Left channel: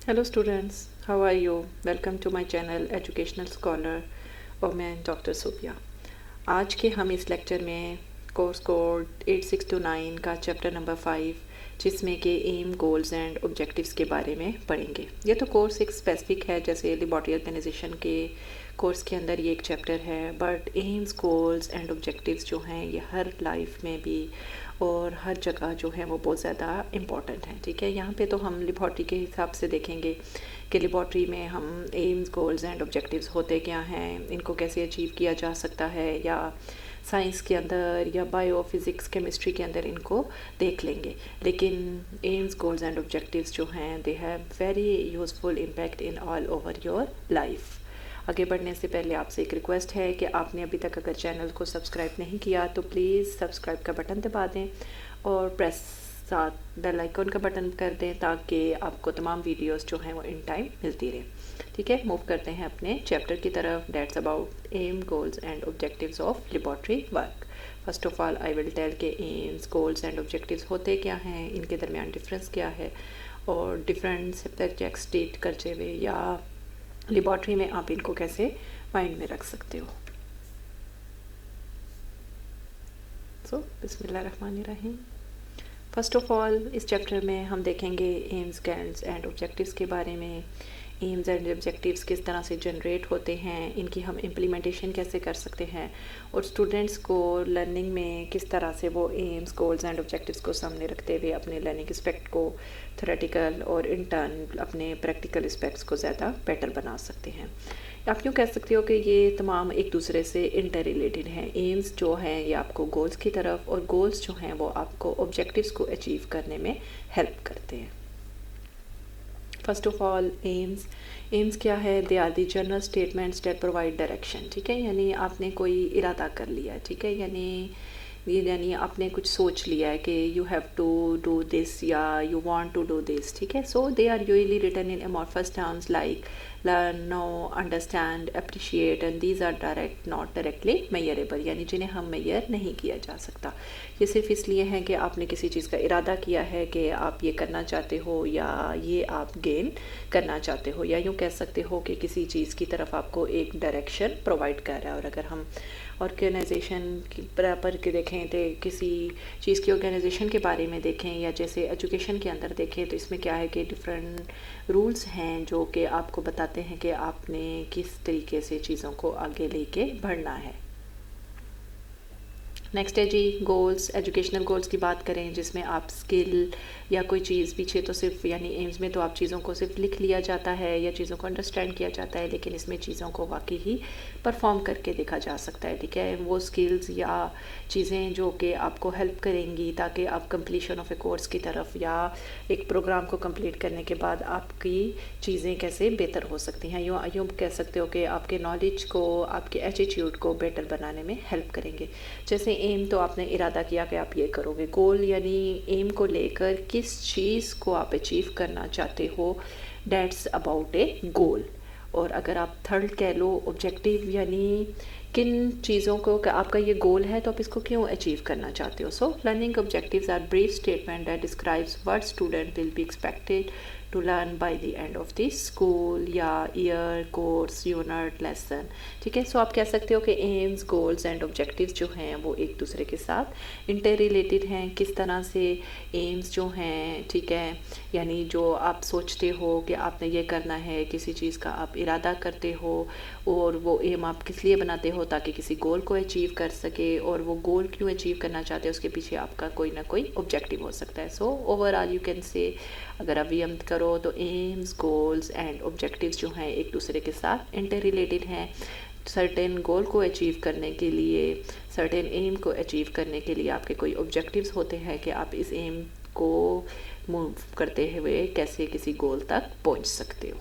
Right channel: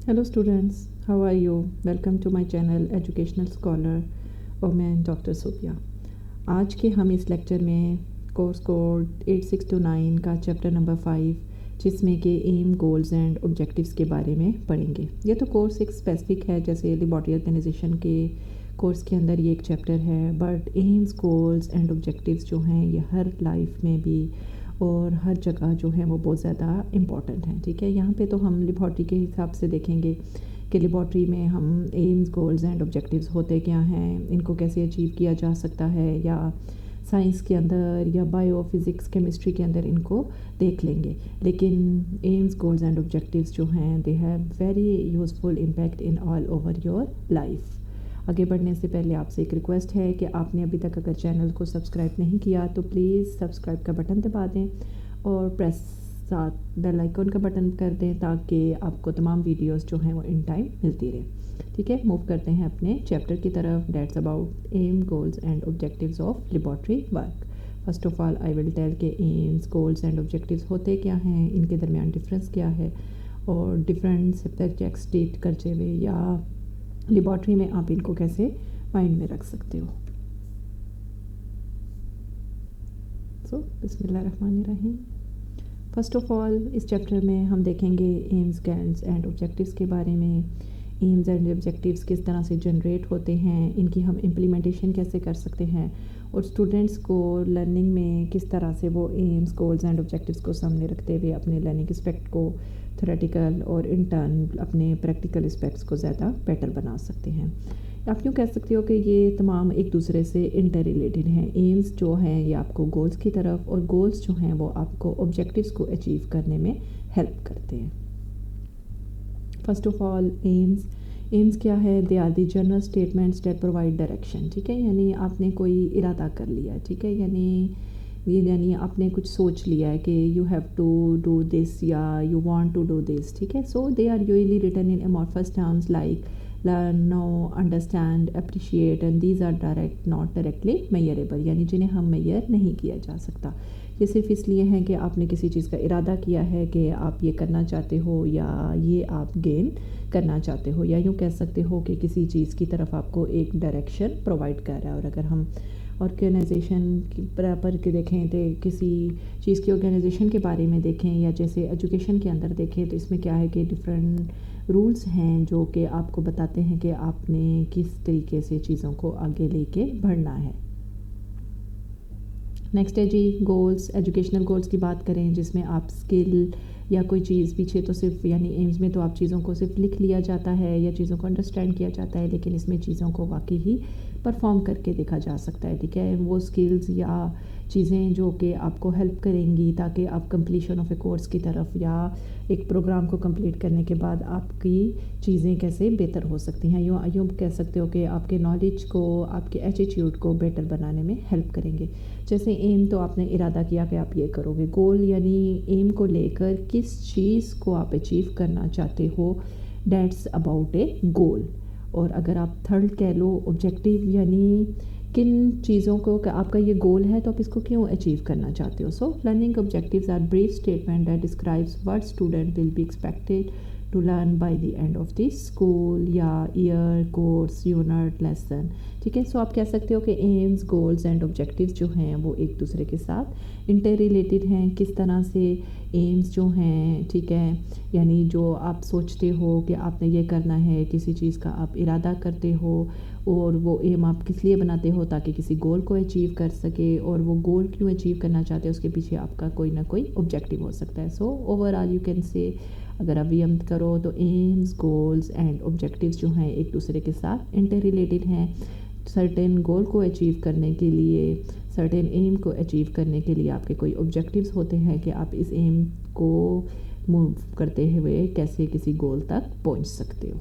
Hello students, how are you? Welcome to my channel educational scholar और मैं doctor Sophia. आज के हम इस लेक्चर में कोर्स कोड 8629 का चैप्टर नंबर 5 जिसमें कि एम, गोल्स एंड ऑब्जेक्टिव्स के बारे में पढ़ेंगे। ये तो कोर्स एक स्पेसिफिक है, जैसे लेबॉरेटरी ऑर्गेनाइजेशन के कोर्स के अंदर ये एक चैप्टर है, but AIIMS, goals and objectives जो हैं ये हर लाइफ में भी और हर जगह जो है वो बहुत ज़्यादा इम्पॉर्टेंट है। ठीक है, यहाँ पे तो हम लेबॉरेटरी के हिसाब से देखेंगे कि लेबॉरेटरी में हम एम्स, गोल्स एंड ऑब्जेक्टिव्स होते क्या हैं, इनको कैसे अचीव किया जा सकता है, या साइंस के अंदर या बायो, फिज़िक्स, केमिस्ट्री के अंदर इनको देख लेंगे। लेकिन एम्स, गोल्स एंड ऑब्जेक्टिव्स जो हैं they have very useful impact in all over your life. आगे बढ़ने से पहले आपसे एक रिक्वेस्ट है कि आपने अभी तक अगर चैनल को सब्सक्राइब नहीं किया तो प्लीज़ सब्सक्राइब का बटन दबा दें और प्रेस साथ बेल आइकन का बटन कर दें ताकि आपको तमाम वीडियोस जो हैं वो इन टाइम मिलती रहे। ठीक है, मूव करते हैं अपने चैप्टर की तरफ, that's about aim, goals and objectives of laboratory work. First of all I will tell के एम्स, गोल्स एंड ऑब्जेक्टिव्स होते क्या हैं, इनके दरमियान डिफरेंस क्या है और डिफरेंट सब्जेक्ट्स स्टेट करते हुए या लेबॉरेटरी में आप इनको कैसे माइंड में रख सकते हो। सो बिस्मिल्लाहिर्रहमानिर्रहीम। फर्स्ट ऑफ ऑल इस चैप्टर में हम देखेंगे एम्स, गोल्स एंड ऑब्जेक्टिव्स के बारे में। एम्स एंड ऑब्जेक्टिव्स किस तरह से जनरेट होते हैं, इनकी हम इम्प्लीमेंटेशन कैसे कर सकते हैं और स्टूडेंट्स को लर्निंग में किस तरह से वो एम्स, गोल्स एंड ऑब्जेक्टिव्स को सामने रखते हुए अपने लर्निंग एस्पेक्ट को थ्योरेटिकल और इंटर्न अपने प्रैक्टिकल एस्पेक्ट्स को ज़्यादा बेटर बना सकते हैं। आप यूँ कह सकते हो कि ये तमाम एक दूसरे से इंटर रिलेटेड हैं। एम्स जो हैं ये आपको गोल्स की तरफ और गोल्स जो हैं वो आपको ऑब्जेक्टिव्स को अचीव करने में हेल्प करते हैं। फर्स्ट ऑफ ऑल एम्स क्या है? They are the general statements that provide direction. ठीक है, यानी आपने कोई इरादा कर लिया, ठीक है, यानी आपने कुछ सोच लिया है कि you have to do this या you want to do this. ठीक है, so they are usually written in amorphous terms like learn, know, understand, appreciate and these are direct not directly measurable, यानी जिन्हें हम मेजर नहीं किया जा सकता। ये सिर्फ इसलिए है कि आपने किसी चीज़ का इरादा किया है कि आप ये करना चाहते हो या ये आप गेन करना चाहते हो, या यूँ कह सकते हो कि किसी चीज़ की तरफ आपको एक डायरेक्शन प्रोवाइड कर रहा है। और अगर हम ऑर्गेनाइजेशन की बराबर के देखें तो किसी चीज़ की ऑर्गेनाइजेशन के बारे में देखें या जैसे एजुकेशन के अंदर देखें तो इसमें क्या है कि डिफरेंट रूल्स हैं जो कि आपको बताते हैं कि आपने किस तरीके से चीज़ों को आगे लेके बढ़ना है। नेक्स्ट है जी गोल्स। एजुकेशनल गोल्स की बात करें जिसमें आप स्किल या कोई चीज़, पीछे तो सिर्फ यानी एम्स में तो आप चीज़ों को सिर्फ लिख लिया जाता है या चीज़ों को अंडरस्टैंड किया जाता है, लेकिन इसमें चीज़ों को वाकई ही परफॉर्म करके देखा जा सकता है। ठीक है, वो स्किल्स या चीज़ें जो कि आपको हेल्प करेंगी ताकि आप कंप्लीशन ऑफ ए कोर्स की तरफ या एक प्रोग्राम को कंप्लीट करने के बाद आपकी चीज़ें कैसे बेहतर हो सकती हैं। यूँ कह सकते हो कि आपके नॉलेज को, आपके एटीट्यूड को बेटर बनाने में हेल्प करेंगे। जैसे एम तो आपने इरादा किया कि आप ये करोगे, गोल यानी एम को लेकर किस चीज़ को आप अचीव करना चाहते हो, डेट्स अबाउट ए गोल। और अगर आप थर्ड कह लो ऑब्जेक्टिव, यानी किन चीज़ों को आपका ये गोल है तो आप इसको क्यों अचीव करना चाहते हो। So learning objectives are brief statement that describes what student will be expected to learn by the end of the school या ईयर, कोर्स, यूनिट, लेसन। ठीक है, सो आप कह सकते हो कि एम्स, गोल्स एंड ऑब्जेक्टिव्स जो हैं वो एक दूसरे के साथ इंटर रिलेटेड हैं। किस तरह से एम्स जो हैं, ठीक है, यानी जो आप सोचते हो कि आपने ये करना है, किसी चीज़ का आप इरादा करते हो और वो एम आप किस लिए बनाते हो ताकि किसी गोल को अचीव कर सके, और वो गोल क्यों अचीव करना चाहते हो उसके पीछे आपका कोई ना कोई ऑब्जेक्टिव हो सकता है। So overall you can say अगर आप ये करो तो एम्स, गोल्स एंड ऑब्जेक्टिव्स जो हैं एक दूसरे के साथ इंटर रिलेटेड हैं। सर्टेन गोल को अचीव करने के लिए, सर्टेन एम को अचीव करने के लिए आपके कोई ऑब्जेक्टिव्स होते हैं कि आप इस एम को मूव करते हुए कैसे किसी गोल तक पहुंच सकते हो।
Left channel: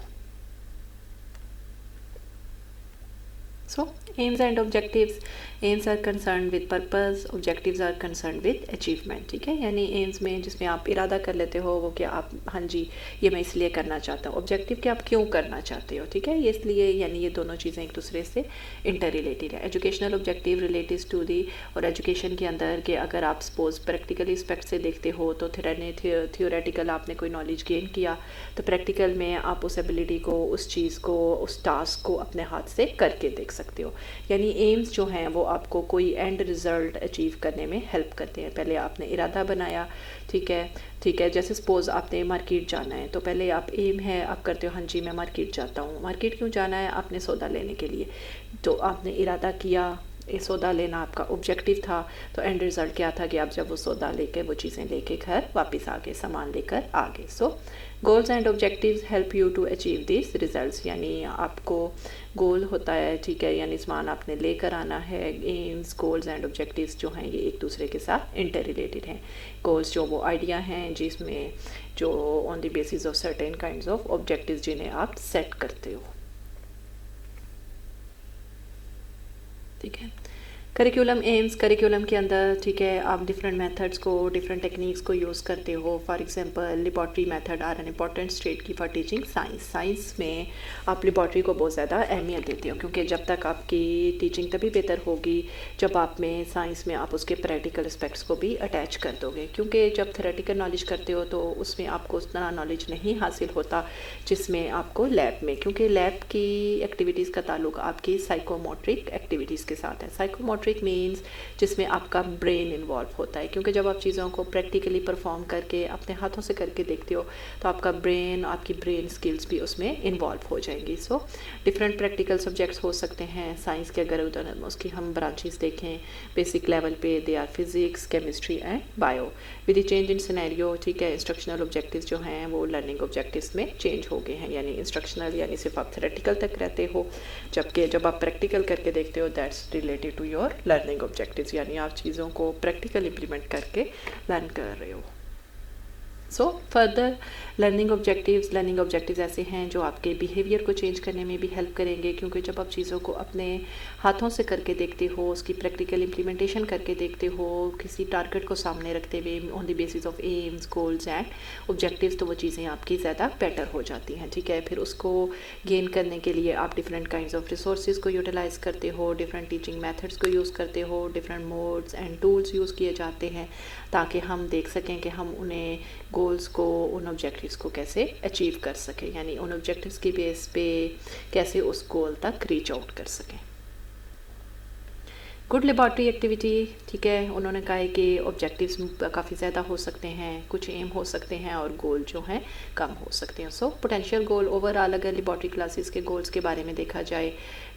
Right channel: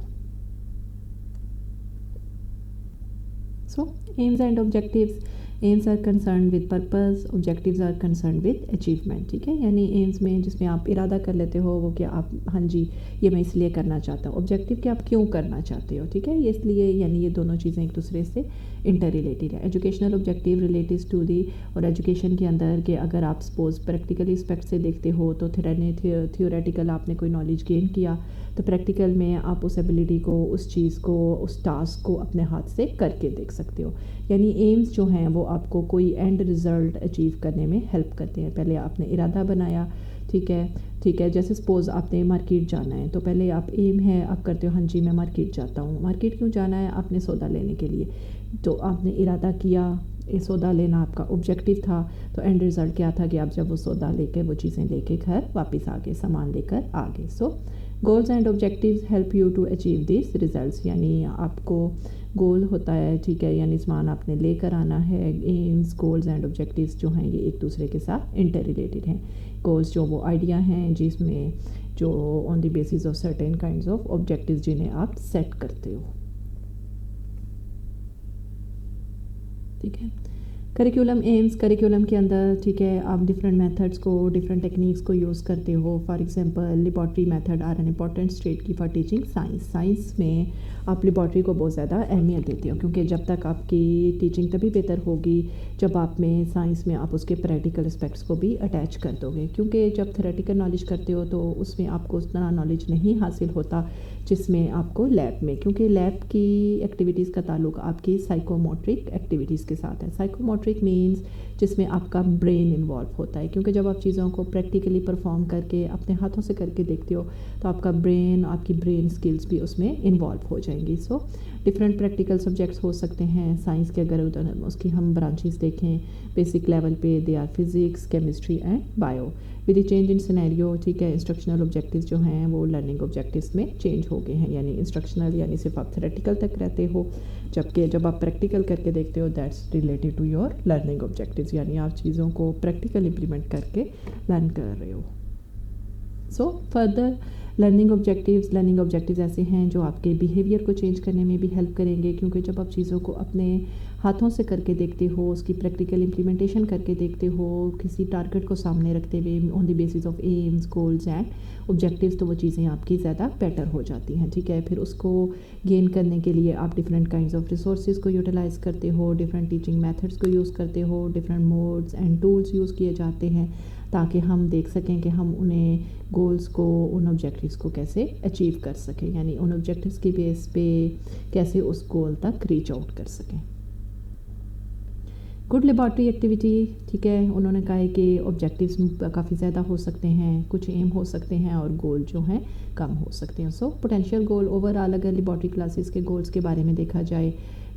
So aims and objectives aims are concern with purpose, objectives are concern with achievement, ठीक है। यानी एम्स में जिसमें आप इरादा कर लेते हो वो कि आप हाँ जी ये मैं इसलिए करना चाहता हूँ, ऑब्जेक्टिव कि आप क्यों करना चाहते हो, ठीक है। ये इसलिए यानी ये दोनों चीज़ें एक दूसरे से इंटर रिलेटेड है। Educational objective related to the, और एजुकेशन के अंदर के अगर आप सपोज प्रैक्टिकल एस्पेक्ट से देखते हो तो थियोरेटिकल आपने कोई नॉलेज गेन किया, तो प्रैक्टिकल में आप उस एबिलिटी को, उस चीज़ को, उस टास्क को अपने हाथ से करके देख सकते हो। यानी एम्स जो हैं वो आपको कोई एंड रिज़ल्ट अचीव करने में हेल्प करते हैं। पहले आपने इरादा बनाया, ठीक है। जैसे सपोज़ आपने मार्केट जाना है, तो पहले आप एम है आप करते हो हाँ जी मैं मार्केट जाता हूँ। मार्केट क्यों जाना है? आपने सौदा लेने के लिए, तो आपने इरादा किया, ये सौदा लेना आपका ऑब्जेक्टिव था, तो एंड रिज़ल्ट क्या था कि आप जब वो सौदा लेके वो चीज़ें लेके घर वापस आ गए, सामान लेकर आ गए। So goals and objectives help you to achieve this results, यानी आपको गोल होता है, ठीक है, यानी सामान आपने लेकर आना है। एम्स, गोल्स एंड ऑब्जेक्टिव्स जो हैं ये एक दूसरे के साथ इंटर रिलेटेड हैं। गोल्स जो वो आइडिया हैं जिसमें जो on the basis of certain kinds of objectives जिन्हें आप सेट करते हो, ठीक है। करिकुलम एम्स, करिकुलम के अंदर, ठीक है, आप डिफरेंट मेथड्स को, डिफरेंट टेक्निक्स को यूज़ करते हो। For example laboratory method are an important state की फॉर टीचिंग साइंस। साइंस में आप लेबॉर्ट्री को बहुत ज़्यादा अहमियत देते हो, क्योंकि जब तक आपकी टीचिंग तभी बेहतर होगी जब आप में साइंस में आप उसके प्रैक्टिकल एस्पेक्ट्स को भी अटैच कर दोगे। क्योंकि जब थ्योरेटिकल नॉलेज करते हो तो उसमें आपको उतना नॉलेज नहीं हासिल होता जिसमें आपको लैब में, क्योंकि लैब की एक्टिविटीज़ का ताल्लुक आपकी साइकोमोट्रिक एक्टिविटीज़ के साथ है। साइकोमोट्रिक मीन्स जिसमें आपका ब्रेन इन्वॉल्व होता है, क्योंकि जब आप चीज़ों को प्रैक्टिकली परफॉर्म करके अपने हाथों से करके देखते हो तो आपका ब्रेन, आपकी ब्रेन स्किल्स भी उसमें इन्वॉल्व हो जाएंगी। सो डिफरेंट प्रैक्टिकल सब्जेक्ट्स हो सकते हैं साइंस के, अगर उसकी हम ब्रांचेस देखें बेसिक लेवल पे, they are physics, chemistry and bio. With the change in scenario, ठीक है, इंस्ट्रक्शनल ऑब्जेक्टिव्स जो हैं वो लर्निंग ऑब्जेक्टिव्स में चेंज हो गए हैं। यानी इंस्ट्रक्शनल यानी सिर्फ आप थ्योरेटिकल तक रहते हो, जबकि जब आप प्रैक्टिकल करके देखते हो that's related to your learning objectives, यानी आप चीज़ों को प्रैक्टिकल इम्प्लीमेंट करके लर्न कर रहे हो। सो फर्दर लर्निंग ऑब्जेक्टिव्स ऐसे हैं जो आपके बिहेवियर को चेंज करने में भी हेल्प करेंगे, क्योंकि जब आप चीज़ों को अपने हाथों से करके देखते हो, उसकी प्रैक्टिकल इम्प्लीमेंटेशन करके देखते हो, किसी टारगेट को सामने रखते हुए on the basis of AIIMS, goals and objectives, तो वो चीज़ें आपकी ज़्यादा बेटर हो जाती हैं, ठीक है। फिर उसको गेन करने के लिए आप डिफरेंट काइंड्स ऑफ रिसोर्सेज को यूटिलाइज़ करते हो, डिफरेंट टीचिंग मेथड्स को यूज़ करते हो, different modes and tools use किए जाते हैं ताकि हम देख सकें कि हम उन्हें गोल्स को, उन ऑब्जेक्टिव्स को कैसे अचीव कर सकें, यानी उन ऑब्जेक्टिव्स की बेस पे कैसे उस गोल तक रीच आउट कर सकें। गुड लेबॉर्ट्री एक्टिविटी, ठीक है, उन्होंने कहा है कि ऑब्जेक्टिव्स काफ़ी ज़्यादा हो सकते हैं, कुछ एम हो सकते हैं और गोल जो हैं कम हो सकते हैं। सो पोटेंशियल गोल ओवरऑल अगर लेबॉर्ट्री क्लासेस के गोल्स के बारे में देखा जाए,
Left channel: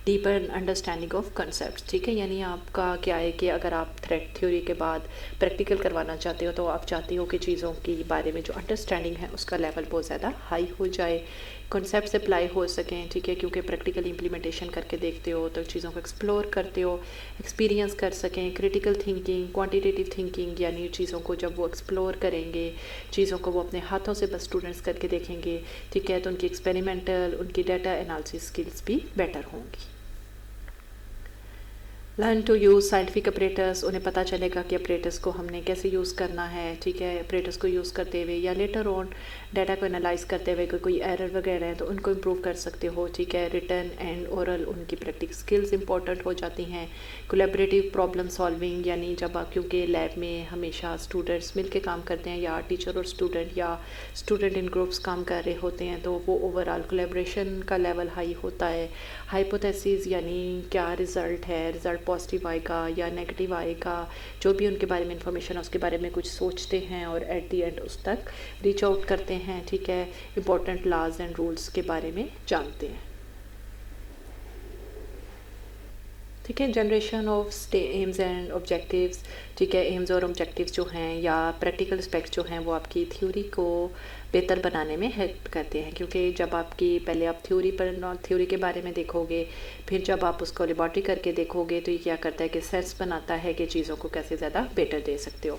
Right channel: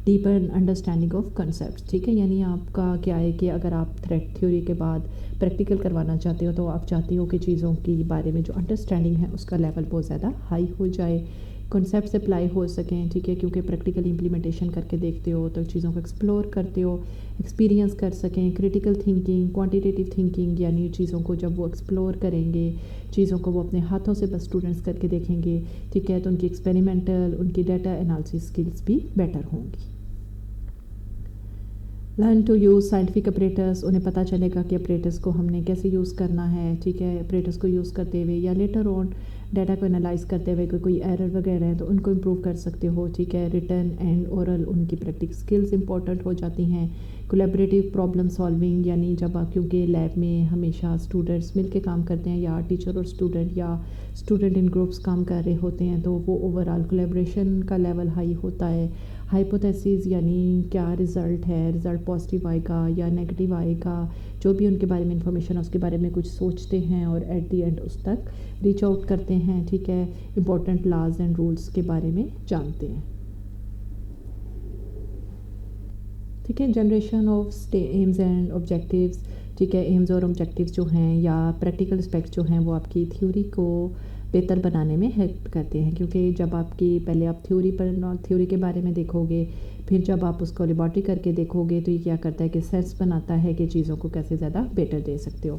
डीपर अंडरस्टैंडिंग ऑफ कंसेप्ट, ठीक है, यानी आपका क्या है कि अगर आप थ्रेड थ्योरी के बाद प्रैक्टिकल करवाना चाहते हो तो आप चाहते हो कि चीज़ों के बारे में जो अंडरस्टैंडिंग है उसका लेवल बहुत ज़्यादा हाई हो जाए, कॉन्सेप्ट्स अप्लाई हो सकें, ठीक है, क्योंकि प्रैक्टिकल इम्प्लीमेंटेशन करके देखते हो तो चीज़ों को एक्सप्लोर करते हो, एक्सपीरियंस कर सकें। क्रिटिकल थिंकिंग, क्वांटिटेटिव थिंकिंग, यानी चीज़ों को जब वो एक्सप्लोर करेंगे, चीज़ों को वो अपने हाथों से बस स्टूडेंट्स करके देखेंगे, ठीक है, तो उनकी एक्सपेरिमेंटल, उनकी डाटा एनालिसिस स्किल्स भी बेटर होंगी। Learn to use scientific operators, उन्हें पता चलेगा कि ऑपरेटर्स को हमने कैसे यूज़ करना है, ठीक है, ऑपरेटर्स को यूज़ करते हुए या लेटर ऑन डाटा को एनालाइज करते हुए कोई एरर वगैरह है तो उनको इम्प्रूव कर सकते हो, ठीक है। रिटन एंड ओरल उनकी प्रैक्टिस स्किल्स इंपॉर्टेंट हो जाती हैं। कोलैबोरेटिव प्रॉब्लम सॉल्विंग, यानी जब आप, क्योंकि लैब में हमेशा स्टूडेंट्स मिल के काम करते हैं या टीचर और स्टूडेंट या स्टूडेंट इन ग्रुप्स काम कर रहे होते हैं, तो वो ओवरऑल कोलैबोरेशन का लेवल हाई होता है। हाइपोथेसिस, यानी क्या रिज़ल्ट है, रिज़ल्ट पॉजिटिव आएगा या नेगेटिव आएगा, जो भी उनके बारे में इंफॉर्मेशन है उसके बारे में कुछ सोचते हैं और एट दी एंड उस तक रीच आउट करते हैं, ठीक है। इंपॉर्टेंट लॉज एंड रूल्स के बारे में जानते हैं, ठीक है। Generation of AIIMS and objectives, ٹھیک ہے. ایمز اور آبجیکٹیوز جو ہیں یا پریکٹیکل اسپیکٹس جو ہیں وہ آپ کی تھیوری کو بہتر بنانے میں ہیلپ کرتے ہیں، کیونکہ جب آپ کی پہلے آپ تھیوری کے بارے میں دیکھو گے، پھر جب آپ اس کو لیبارٹری کر کے دیکھو گے تو یہ کیا کرتا ہے کہ سینس بناتا ہے کہ چیزوں کو کیسے زیادہ بیٹر دے سکتے ہو.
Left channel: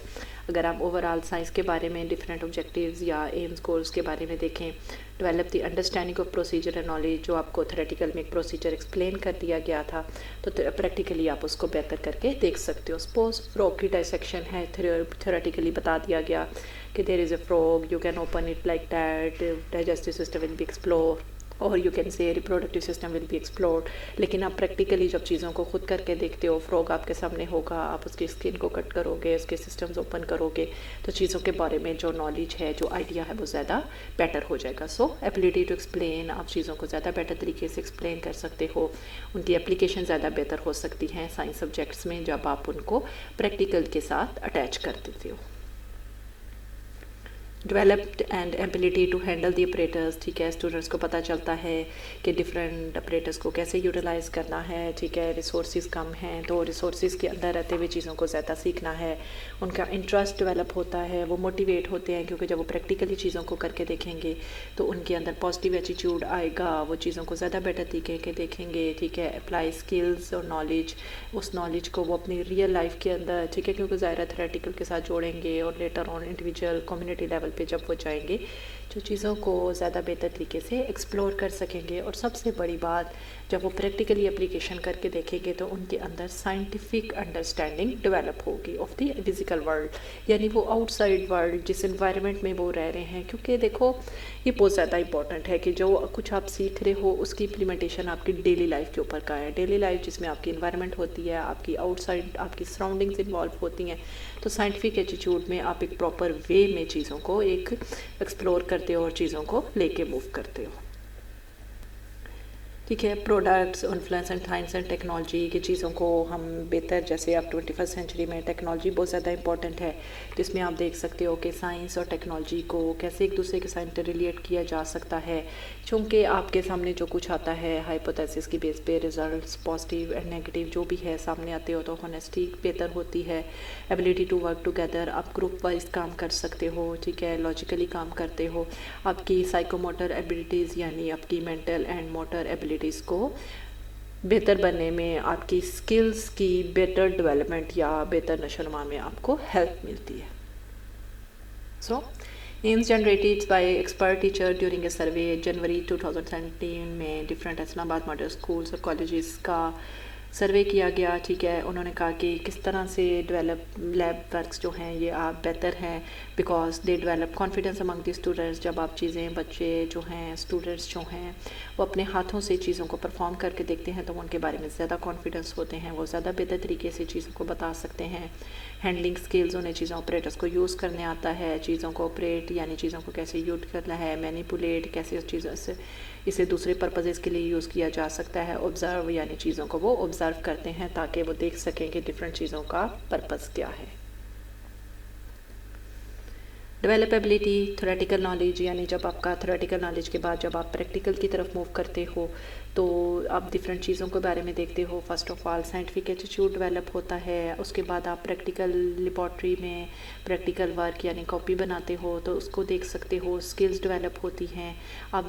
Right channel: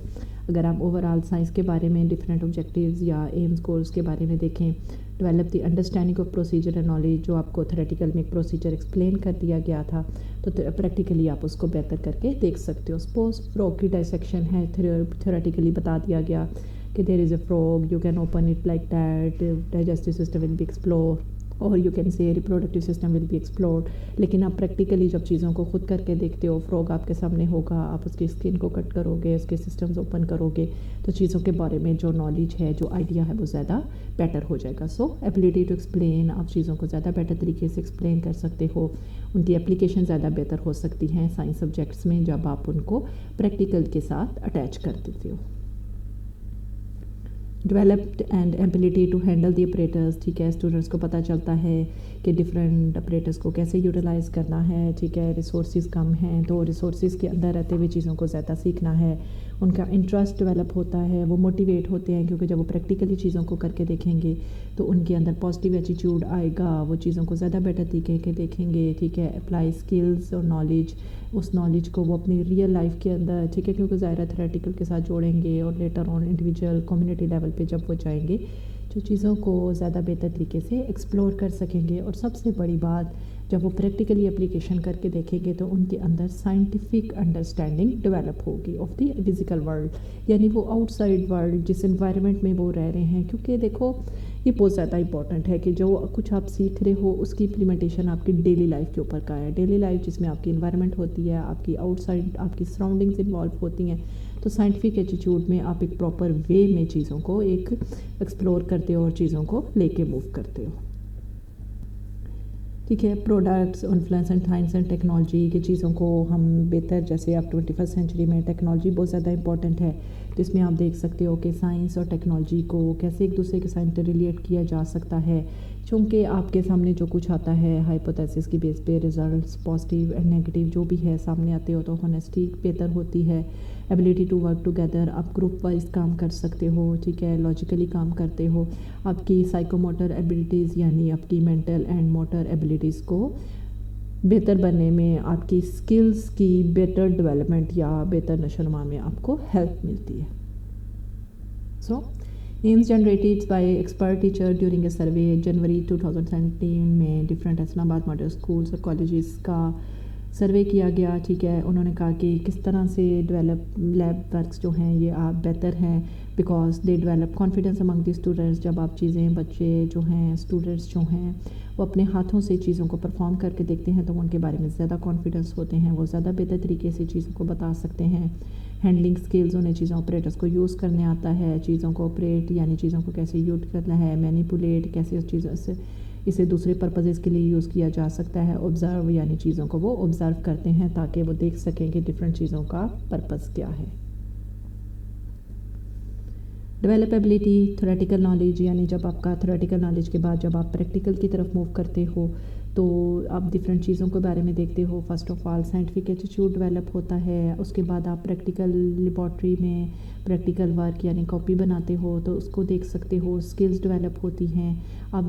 اگر آپ اوور آل سائنس کے بارے میں ڈفرینٹ آبجیکٹیوز یا ایمز گولز کے بارے میں دیکھیں، develop the understanding of procedure and knowledge, جو آپ کو تھیوریٹیکل میں ایک پروسیجر ایکسپلین کر دیا گیا تھا، تو پریکٹیکلی آپ اس کو بہتر کر کے دیکھ سکتے ہو. سپوز فروگ کی ڈائسیکشن ہے، تھیوریٹیکلی بتا دیا گیا کہ there is a frog, you can open it like that, digestive system will be explore or you can say reproductive system will be explored. لیکن آپ پریکٹیکلی جب چیزوں کو خود کر کے دیکھتے ہو، فروگ آپ کے سامنے ہوگا، آپ اس کی اسکن کو کٹ کرو گے، اس کے سسٹمز اوپن کرو گے، تو چیزوں کے بارے میں جو نالج ہے، جو آئیڈیا ہے، وہ زیادہ بیٹر ہو جائے گا. سو ایبلٹی ٹو ایکسپلین، آپ چیزوں کو زیادہ بیٹر طریقے سے ایکسپلین کر سکتے ہو، ان کی اپلیکیشن زیادہ بہتر ہو سکتی ہیں سائنس سبجیکٹس میں جب آپ ان کو پریکٹیکل کے ساتھ اٹیچ کر دیتے ہو. Developed and ability to handle the apparatus, ٹھیک ہے. اسٹوڈنٹس کو پتہ چلتا ہے کہ ڈفرینٹ اپریٹرز کو کیسے یوٹیلائز کرنا ہے، ٹھیک ہے. ریسورسز کم ہیں تو ریسورسز کے اندر رہتے ہوئے چیزوں کو زیادہ سیکھنا ہے. ان کا انٹرسٹ ڈیولپ ہوتا ہے، وہ موٹیویٹ ہوتے ہیں، کیونکہ جب وہ پریکٹیکلی چیزوں کو کر کے دیکھیں گے تو ان کے اندر پازیٹیو ایٹیٹیوڈ آئے گا، وہ چیزوں کو زیادہ بیٹر طریقے کے دیکھیں گے، ٹھیک ہے. اپلائی اسکلز اور نالج، اس نالج کو وہ اپنی ریئل لائف کے اندر، ٹھیک ہے، کیونکہ ظاہرہ تھیوریٹیکل کے ساتھ جوڑیں گے اور later on individual community level پہ جب وہ جائیں گے جو چیزوں کو زیادہ بہتر طریقے سے ایکسپلور کر سکیں گے. اور سب سے بڑی بات، جب وہ پریکٹیکلی اپلیکیشن کر کے دیکھیں گے تو ان کے اندر سائنٹیفک انڈرسٹینڈنگ ڈیولپ ہوگی آف دی فزیکل ورلڈ، یعنی وہ آؤٹ سائڈ ورلڈ جس انوائرمنٹ میں وہ رہ رہے ہیں. کیونکہ دیکھو یہ بہت زیادہ امپورٹنٹ ہے کہ جو کچھ آپ سیکھ رہے ہو اس کی امپلیمنٹیشن آپ کی ڈیلی لائف کے اوپر کا ہے. ڈیلی لائف جس میں آپ کی انوائرمنٹ ہوتی ہے، آپ کی آؤٹ سائڈ آپ کی سراؤنڈنگز انوالو ہوتی ہیں، تو سائنٹیفک ایٹیٹیوڈ میں آپ ایک پراپر وے میں چیزوں کو ایک ایکسپلور کرتے ہو اور چیزوں کو لے کے موو کرتے ہو. ٹھیک ہے. Products, influence and science and technology کی چیزوں کو ہم بہتر، جیسے اب 21 سینچری میں ٹیکنالوجی بہت زیادہ امپورٹنٹ ہے، جس میں آپ دیکھ سکتے ہو کہ سائنس اور ٹیکنالوجی کو کیسے ایک دوسرے کے ساتھ ریلیٹ کیا جا سکتا ہے. چونکہ آپ کے سامنے جو کچھ آتا ہے ہائپوتھیسس کی بیس پہ، ریزلٹس پازیٹیو اینڈ نیگیٹو جو بھی ہے سامنے آتے ہو تو ہونیسٹی بہتر ہوتی ہے. ایبلٹی ٹو ورک ٹوگیدر، آپ گروپ وائز کام کر سکتے ہو، ٹھیک ہے، لاجیکلی کام کرتے ہو. آپ کی سائیکو موٹر ایبلٹیز یعنی آپ کی مینٹل اینڈ موٹر ایبلٹیز کو بہتر بننے میں، آپ کی اسکلز کی بیٹر ڈیولپمنٹ یا بہتر نشو و نما میں آپ کو ہیلپ ملتی ہے. So aims generated by expert teacher during a survey جنوری 2017 میں different Islamabad model schools اور کالجز کا سروے کیا گیا. ٹھیک ہے. انہوں نے کہا کہ کس طرح سے ڈیولپ لیب ورکس جو ہیں یہ آپ بہتر ہیں، because they develop confidence Umang the students. جب آپ چیزیں، بچے جو ہیں، اسٹوڈنٹس جو ہیں، وہ اپنے ہاتھوں سے چیزوں کو پرفارم کر کے دیکھتے ہیں تو وہ ان کے بارے میں زیادہ کانفیڈنس ہوتے ہیں، وہ زیادہ بہتر طریقے سے چیزوں کو بتا سکتے ہیں. ہینڈلنگ اسکلز، انہیں چیزوں آپریٹرس کو یوز کرنے آتا ہے، چیزوں کو آپریٹ یعنی چیزوں کو کیسے یوز کرنا ہے، مینیپولیٹ کیسے اس چیزوں سے اسے دوسرے پرپزز کے لیے یوز کیا جا سکتا ہے. آبزرو یعنی چیزوں کو وہ آبزرو کرتے ہیں تاکہ وہ دیکھ سکیں کہ ڈفرینٹ چیزوں کا پرپز کیا ہے. ڈیولپ ایبلٹی تھیوریٹیکل نالج، یعنی جب آپ کا تھیوریٹیکل نالج کے بعد جب آپ پریکٹیکل کی طرف موو کرتے ہو تو آپ ڈفرینٹ چیزوں کے بارے میں دیکھتے ہو. First of all scientific attitude develop ہوتا ہے. اس کے بعد آپ پریکٹیکل لیبارٹری میں پریکٹیکل ورک یعنی کاپی بناتے ہو تو اس کو دیکھ سکتے ہو. اسکلز ڈیولپ ہوتی ہیں. آپ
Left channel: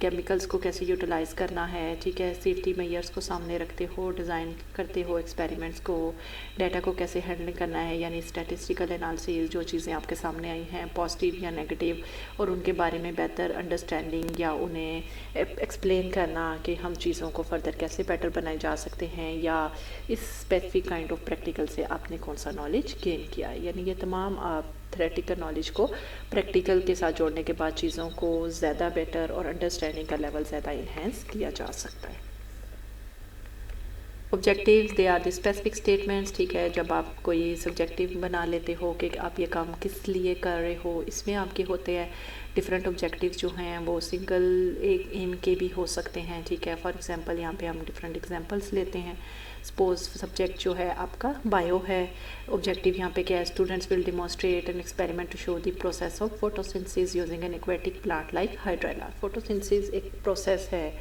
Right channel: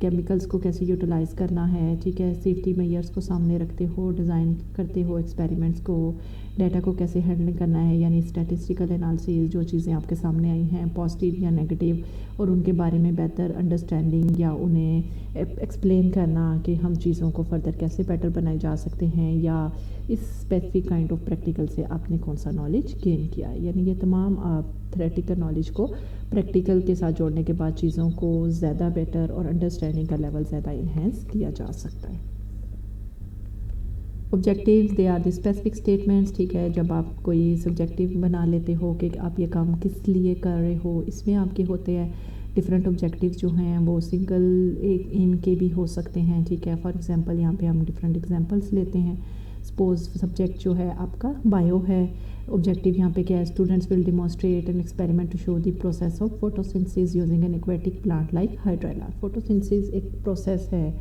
کیمیکلز کو کیسے یوٹیلائز کرنا ہے، ٹھیک ہے، سیفٹی میئرس کو سامنے رکھتے ہو، ڈیزائن کرتے ہو ایکسپیریمنٹس کو، ڈیٹا کو کیسے ہینڈلنگ کرنا ہے یعنی اسٹیٹسٹیکل انالیسز، جو چیزیں آپ کے سامنے آئی ہیں پازیٹیو یا نیگیٹو، اور ان کے بارے میں بہتر انڈرسٹینڈنگ یا انہیں ایکسپلین کرنا کہ ہم چیزوں کو فردر کیسے بیٹر بنائے جا سکتے ہیں، یا اس اسپیسیفک کائنڈ آف پریکٹیکل سے آپ نے کون سا نالج گین کیا ہے. یعنی یہ تمام آپ تھیوریٹیکل نالج کو پریکٹیکل کے ساتھ جوڑنے کے بعد چیزوں کو زیادہ بیٹر اور انڈرسٹینڈنگ کا لیول زیادہ انہینس کیا جا سکتا ہے. Objectives they are the specific statements. ٹھیک ہے. جب آپ کوئی سبجیکٹیو بنا لیتے ہو کہ آپ یہ کام کس لیے کر رہے ہو، اس میں آپ کے ہوتے ہیں ڈفرینٹ آبجیکٹیو جو ہیں وہ سنگل ایک ایم کے بھی ہو سکتے ہیں. ٹھیک ہے. فار ایگزامپل یہاں پہ ہم ڈفرینٹ ایگزامپلس لیتے ہیں. سپوز سبجیکٹ جو ہے آپ کا بایو ہے ऑब्जेक्टिव यहाँ पे क्या है, students will demonstrate an experiment to show the process of photosynthesis using an aquatic plant like hydrilla. Photosynthesis एक प्रोसेस है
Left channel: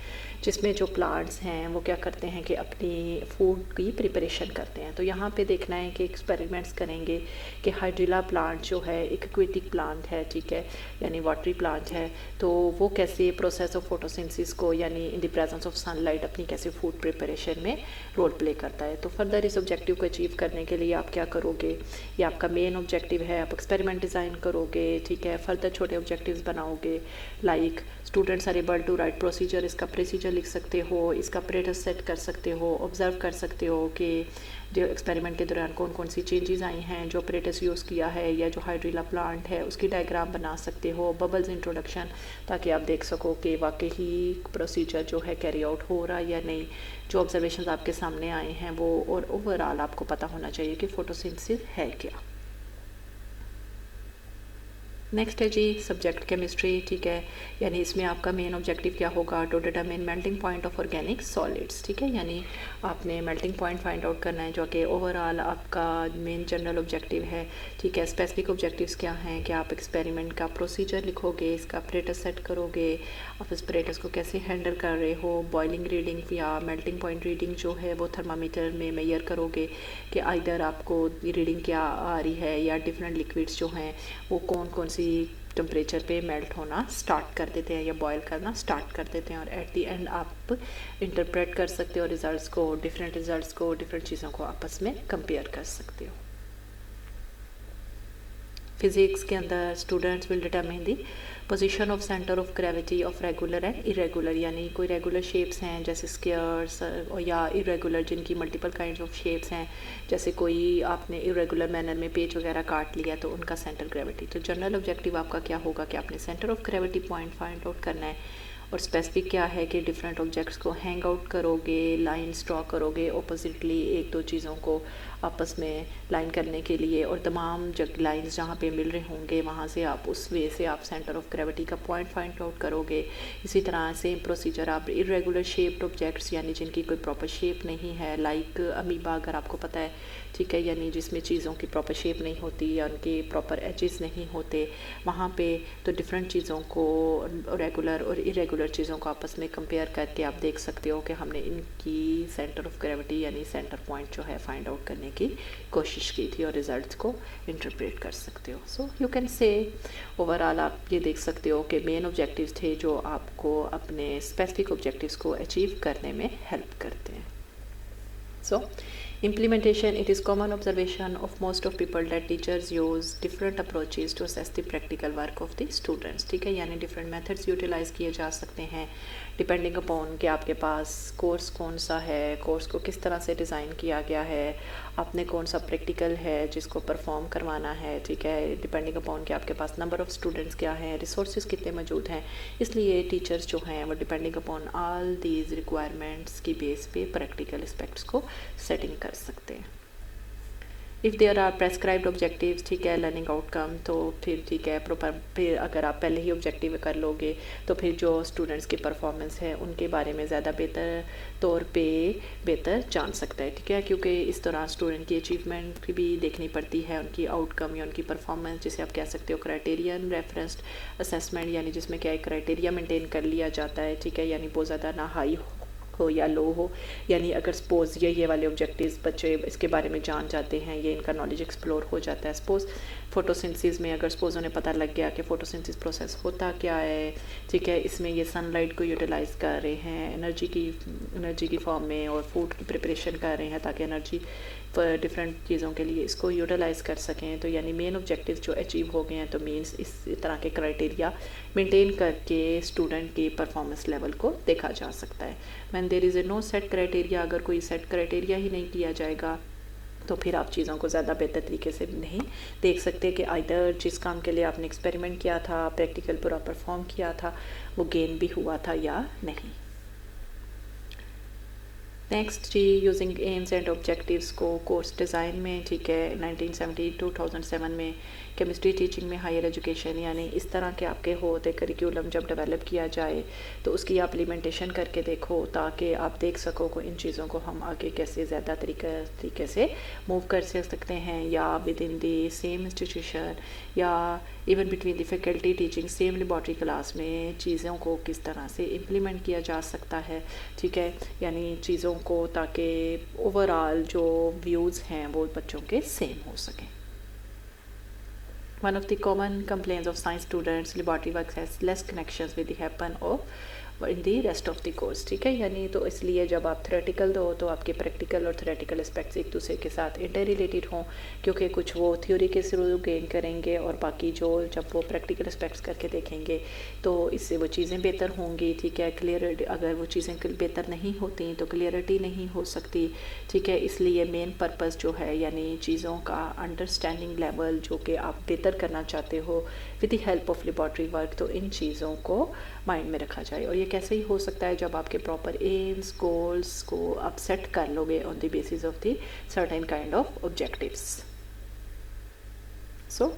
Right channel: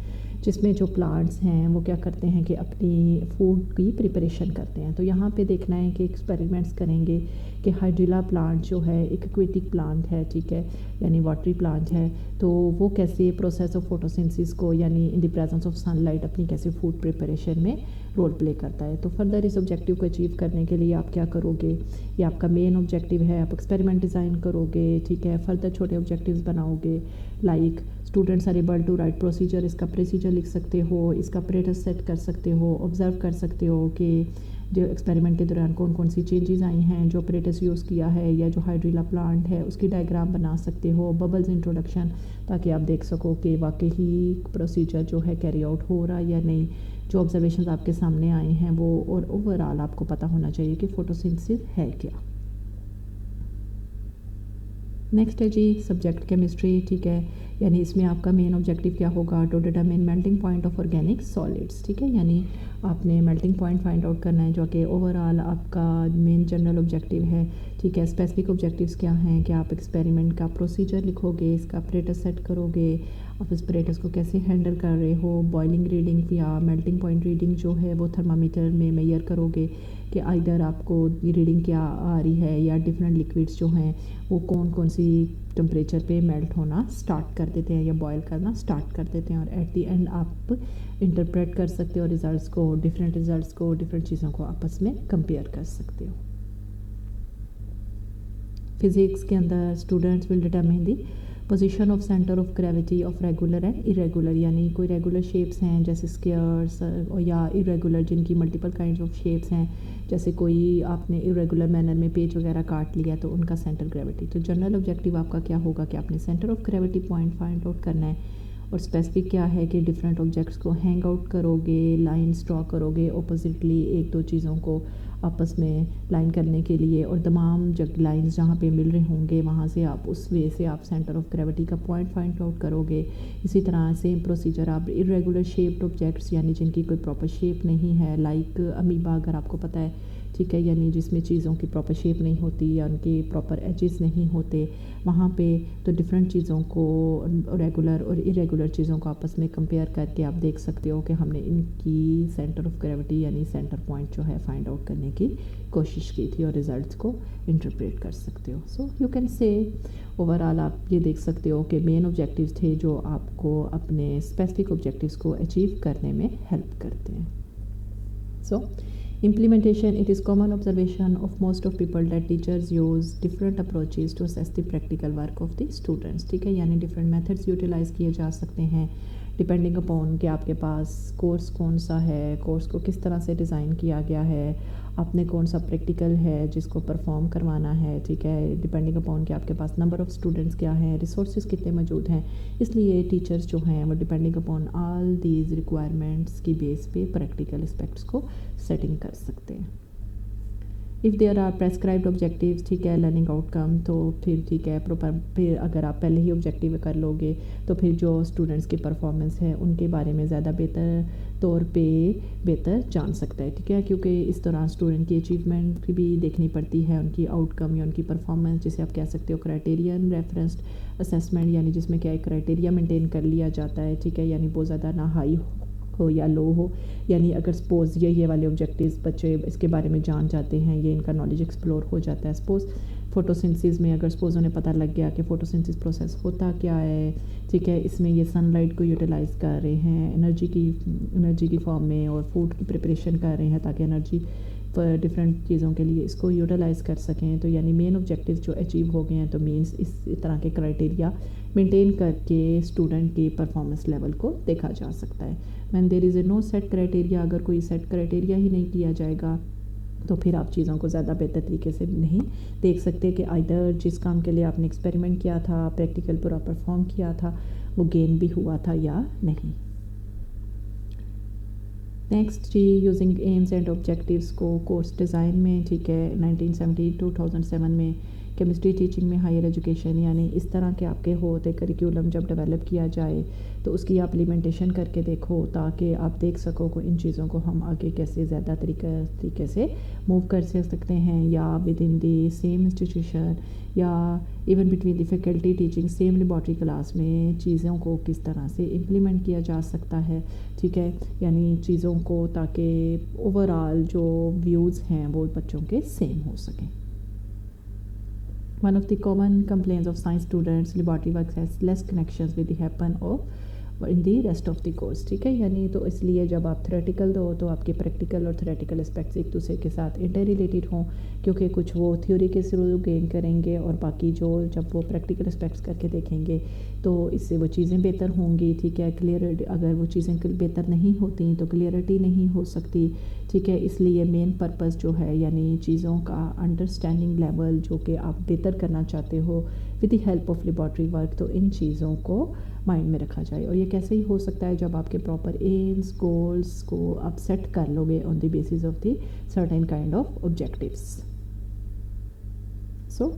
जिसमें जो प्लांट्स हैं वो क्या करते हैं कि अपनी फूड की प्रिपरेशन करते हैं। तो यहाँ पे देखना है कि एक्सपेरिमेंट्स करेंगे कि हाइड्रेला प्लांट जो है एक एक्वेटिक प्लांट है, ठीक है, यानी वाटरी प्लांट है, तो वो कैसे प्रोसेस ऑफ फोटोसिंथेसिस को यानी in the presence of sunlight अपनी कैसे फूड प्रिपरेशन में रोल प्ले करता है। तो फर्दर इस ऑब्जेक्टिव को अचीव करने के लिए आप क्या करोगे, ये आपका मेन ऑब्जेक्टिव है, आप एक्सपेरिमेंट डिज़ाइन करोगे, ठीक है, फर्दर छोटे ऑब्जेक्टिव्स बनाओगे like students are able to write procedure, इसका प्रोसीजर लिख सकते हो, इसका प्रेटस सेट कर सकते हो, ऑब्जर्व कर सकते हो कि जो एक्सपेरिमेंट के दौरान कौन कौन सी चेंजेस आई हैं, जो ऑपरेटर्स यूज़ किया है या जो हाइड्रेला प्लांट है उसकी डायग्राम बना सकते हो, बबल्स इंट्रोडक्शन, ताकि आप देख सको कि वाकई ही प्रोसीजर जो है कैरी आउट हो रहा है या नहीं, जो ऑब्जर्वेशंस आपके सामने आए हैं वो, और ओवरऑल आपको पता होना चाहिए कि फोटोसिंथेसिस है क्या। नेक्स्ट है जी सब्जेक्ट केमिस्ट्री, ठीक है, यानी इसमें आपका मेन ऑब्जेक्टिव क्या होगा, to determine melting point of organic solids, ठीक है, यानी आपने मेल्टिंग पॉइंट फाइंड आउट करना है जो कि ओवरऑल आपका मेन जनरल ऑब्जेक्टिव है, ठीक है। स्पेसिफिक ऑब्जेक्टिव्स क्या हैं कि आप एक्सपेरिमेंट का प्रोसीजर लिखोगे, इसका ऑपरेटस सेट करोगे, आप इस ऑपरेटस को कैसे हैंडल कर रहे हो, बॉइलिंग रीडिंग या मेल्टिंग पॉइंट रीडिंग जो है वो थर्मामीटर में मेजर करोगे कि आइदर आपको रीडिंग क्या आ रही है या डिफरेंट लिक्विड्स जो हैं वो कौन कौन सी टेम्परेचर पे मेल्ट होना स्टार्ट कर देते हैं या बॉयल करना स्टार्ट कर देते हैं, और एट दी एंड आप इंटरप्रेट कर सकते हो रिजल्ट्स को, डिफरेंट चीज़ों को आपस में कंपेयर कर सकते हो। फिज़िक्स के अंदर students will determine the position of centre of gravity of regular and irregular, यानी कोई रेगुलर शेप्स हैं जैसे स्क्वायर्स या इरेगुलर जिनकी मल्टीपल काइंड्स ऑफ शेप्स हैं, जैसे कोई आपने इरेगुलर मैनर में पेज वगैरह काट लिया तो उनका सेंटर ग्रेविटी। तो जनरल ऑब्जेक्टिव आपका क्या होगा कि आपने centre of gravity point find out करना है, और स्पेसिफिक क्या है कि डिफरेंट ऑब्जेक्ट्स को हैंग आउट करोगे, लाइंस ड्रॉ करोगे ऑपोजिटली एक दो चीज़ों को आपस में लाइन करने के लिए, और तमाम जग लाइंस जहाँ पे मिल रहे होंगे वहाँ से आप उस वे से आप सेंटर ऑफ ग्रेविटी का पॉइंट फाइंड आउट करोगे। इसी तरह सेम प्रोसीजर आप इरेगुलर शेप्ड ऑब्जेक्ट्स यानी जिनकी कोई प्रॉपर शेप नहीं है, लाइक अमीबा अगर आपको पता है, ठीक है, यानी जिसमें चीज़ों की प्रॉपर शेप नहीं होती या उनके प्रॉपर एजेस नहीं होते, वहाँ पे तो डिफरेंट चीज़ों को रेगुलर और इरेगुलर चीज़ों को आपस में कंपेयर करके आप देख सकते हो कि हमने इनकी सेंटर ऑफ ग्रेविटी यानी सेंटर पॉइंट जो है फाइंड आउट करने की कोशिश की थी, और रिजल्ट्स को इंटरप्रेट कर सकते हो। So you can say overall आप ये देख सकते हो कि मेन ऑब्जेक्टिव्स थे जो आपको अपने स्पेसिफिक ऑब्जेक्टिव्स को अचीव करने में हेल्प करते हैं। सो implementation, it is common observation of most of people that teachers use different approaches to assess the practical work of the students, ठीक है, यानी different methods utilize किए जा सकते हैं डिपेंडिंग अपॉन कि आपके पास कोर्स कौन सा है, कोर्स को किस तरह से डिज़ाइन किया गया है, आपने कौन सा प्रैक्टिकल है जिसको परफॉर्म करवाना है, ठीक है, डिपेंडिंग अपॉन कि आपके पास नंबर ऑफ़ स्टूडेंट्स क्या हैं, रिसोर्सेज कितने मौजूद हैं, इसलिए टीचर्स जो हैं वो depending upon all these requirements की बेस पे प्रैक्टिकल एस्पेक्ट्स को सेटिंग कर सकते हैं। If there are prescribed objectives, ठीक है, लर्निंग आउटकम, तो फिर ठीक है प्रॉपर, फिर अगर आप पहले ही ऑब्जेक्टिव कर लोगे तो फिर जो स्टूडेंट्स की परफॉर्मेंस है उनके बारे में ज़्यादा बेहतर तौर पे बेहतर जान सकता है, ठीक है, क्योंकि इस दौरान स्टूडेंट की अचीवमेंट भी देखनी पड़ती है, उनकी आउटकम या उनकी परफॉर्मेंस, जिसे आप कह सकते हो क्राइटेरियन रेफरेंस्ड असेसमेंट, यानी जिसमें क्या एक क्राइटेरिया मेंटेन कर लिया जाता है, ठीक है, यानी बहुत ज़्यादा ना हाई हो या लो हो, यानी अगर सपोज़ ये वाले ऑब्जेक्टिव्स बच्चे इसके बारे में जान जाते हैं, ये इनका नॉलेज एक्सप्लोर हो जाता है, सपोज़ फोटोसिंथेसिस में अगर सपोज़ उन्हें पता लग गया कि फ़ोटोसिंथेसिस प्रोसेस होता क्या है, ठीक है, इसमें ये सनलाइट को यूटिलाइज़ कर रहे हैं एनर्जी की फॉर्म में, और फूड की प्रिपरेशन कर रहे हैं ताकि एनर्जी पर डिफरेंट चीज़ों के लिए इसको यूटिलाइज़ कर सकें, तो यानी मेन ऑब्जेक्टिव जो अचीव हो गए हैं, तो मीन्स इस तरह के क्राइटेरिया मेंटेन करके स्टूडेंट के परफॉर्मेंस लेवल को देखा जा सकता है। When there is a no set criteria, अगर कोई सेट क्राइटेरिया ही नहीं किया जाएगा तो फिर आप चीज़ों को ज़्यादा बेहतर तरीके से नहीं देख सकते कि आइदर जिस काम के लिए आपने एक्सपेरिमेंट किया था, प्रैक्टिकल पूरा परफॉर्म किया था, वो गेन भी हुआ था या नहीं। नेक्स्ट जी यूजिंग एम्स एंड ऑब्जेक्टिव्स को कोर्स डिज़ाइन में, ठीक है, 1970 2007 में کیمسٹری ٹیچنگ میں ہائر ایجوکیشن، یعنی اس طرح کے آپ کے ہوتے کریکولم جب ڈیولپ کیا جائے تو اس کی آپ امپلیمنٹیشن کر کے دیکھو، تاکہ آپ دیکھ سکو کہ ان چیزوں کو ہم آگے کیسے زیادہ طریقے سے موو کر سکتے ہیں، یا with in the same institution یا even between the faculty teaching same laboratory class میں چیزوں کو کس طرح سے امپلیمنٹ کیا جا سکتا ہے، ٹھیک ہے، یعنی چیزوں کو تاکہ اوور آل جو ویوز ہیں وہ بچوں کے سیم ہو سکیں۔ One of the common complaints of science students laboratory work has less connections with the happen of in the rest of the course، ٹھیک ہے، یعنی تو اس لیے جب آپ تھیوریٹیکل دو تو آپ کے پریکٹیکل اور تھیوریٹیکل اسپیکٹس ایک دوسرے کے ساتھ انٹر ریلیٹڈ ہوں، کیونکہ کچھ وہ تھیوری کے تھرو گین کریں گے اور باقی جو جب وہ پریکٹیکل اسپیکٹس کر کے دیکھیں گے تو اس سے وہ چیزیں بہتر ہوں گی، ٹھیک ہے، کلیئر اگر وہ چیزیں بہتر نہیں ہوتی تو کلیئرٹی نہیں ہو سکتی، ٹھیک ہے، اس لیے مین پرپس جو ہے یعنی چیزوں کا انڈرسٹینڈنگ لیول جو کہ آپ بہتر کرنا چاہتے ہو with the help of laboratory work, تو ان چیزوں کو مائنڈ میں رکھا جائے۔ اور یہ کیسے ہی ہو سکتا ہے جب آپ کے پراپر ایمز گولز کو آپ سیٹ کر لو گے on the basis of the certain kind of objectives. So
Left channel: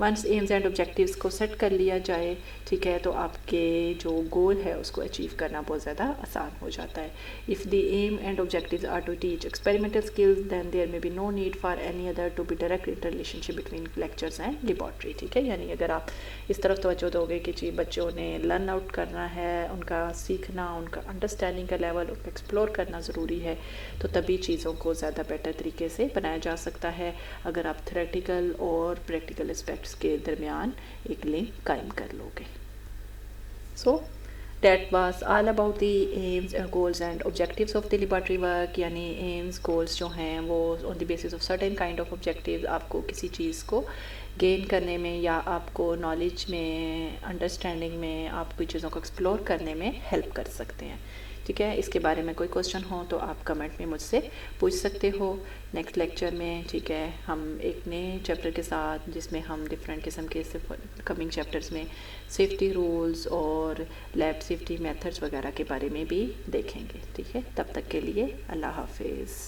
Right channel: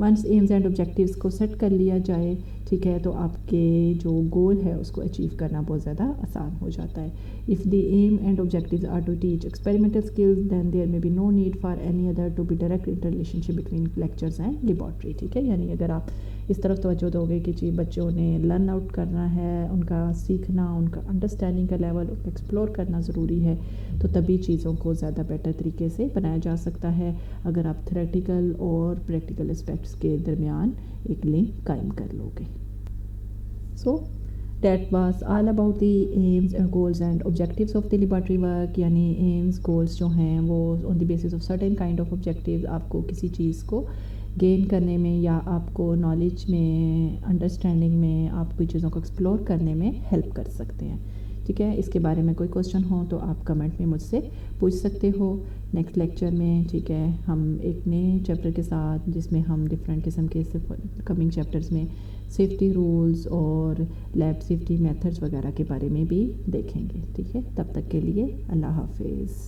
once aims and objectives کو سیٹ کر لیا جائے، ٹھیک ہے، تو آپ کے جو گول ہے اس کو اچیو کرنا بہت زیادہ آسان ہو جاتا ہے۔ If the aim and objectives are to teach experimental skills then there may be no need for any other to be direct interrelationship between lectures and laboratory, ٹھیک ہے، یعنی اگر آپ اس طرف توجہ دو گے کہ جی بچوں نے لرن آؤٹ کرنا ہے، ان کا سیکھنا، ان کا انڈرسٹینڈنگ کا لیول ایکسپلور کرنا ضروری ہے، تو تبھی چیزوں کو زیادہ بیٹر طریقے سے بنایا جا سکتا ہے اگر آپ تھیوریٹیکل اور پریکٹیکل اسپیکٹس کے درمیان ایک لنک قائم کر لو گے۔ So that was all about the aims and goals and objectives of the laboratory work، یعنی aims goals جو ہیں وہ on the basis of certain kind of objectives آپ کو کسی چیز کو گین کرنے میں یا آپ کو نالج میں انڈرسٹینڈنگ میں آپ کوئی چیزوں کو ایکسپلور کرنے میں ہیلپ کر سکتے ہیں، ٹھیک ہے۔ اس کے بارے میں کوئی کوسچن ہو تو آپ کمنٹ میں مجھ سے پوچھ سکتے ہو۔ نیکسٹ لیکچر میں، ٹھیک ہے، ہم ایک نئے چیپٹر کے ساتھ جس میں ہم ڈفرینٹ قسم کے کمنگ چیپٹرز میں سیفٹی رولز اور لیب سیفٹی میتھڈز وغیرہ کے بارے میں بھی دیکھیں گے، ٹھیک ہے۔ تب تک کے لیے اللہ حافظ۔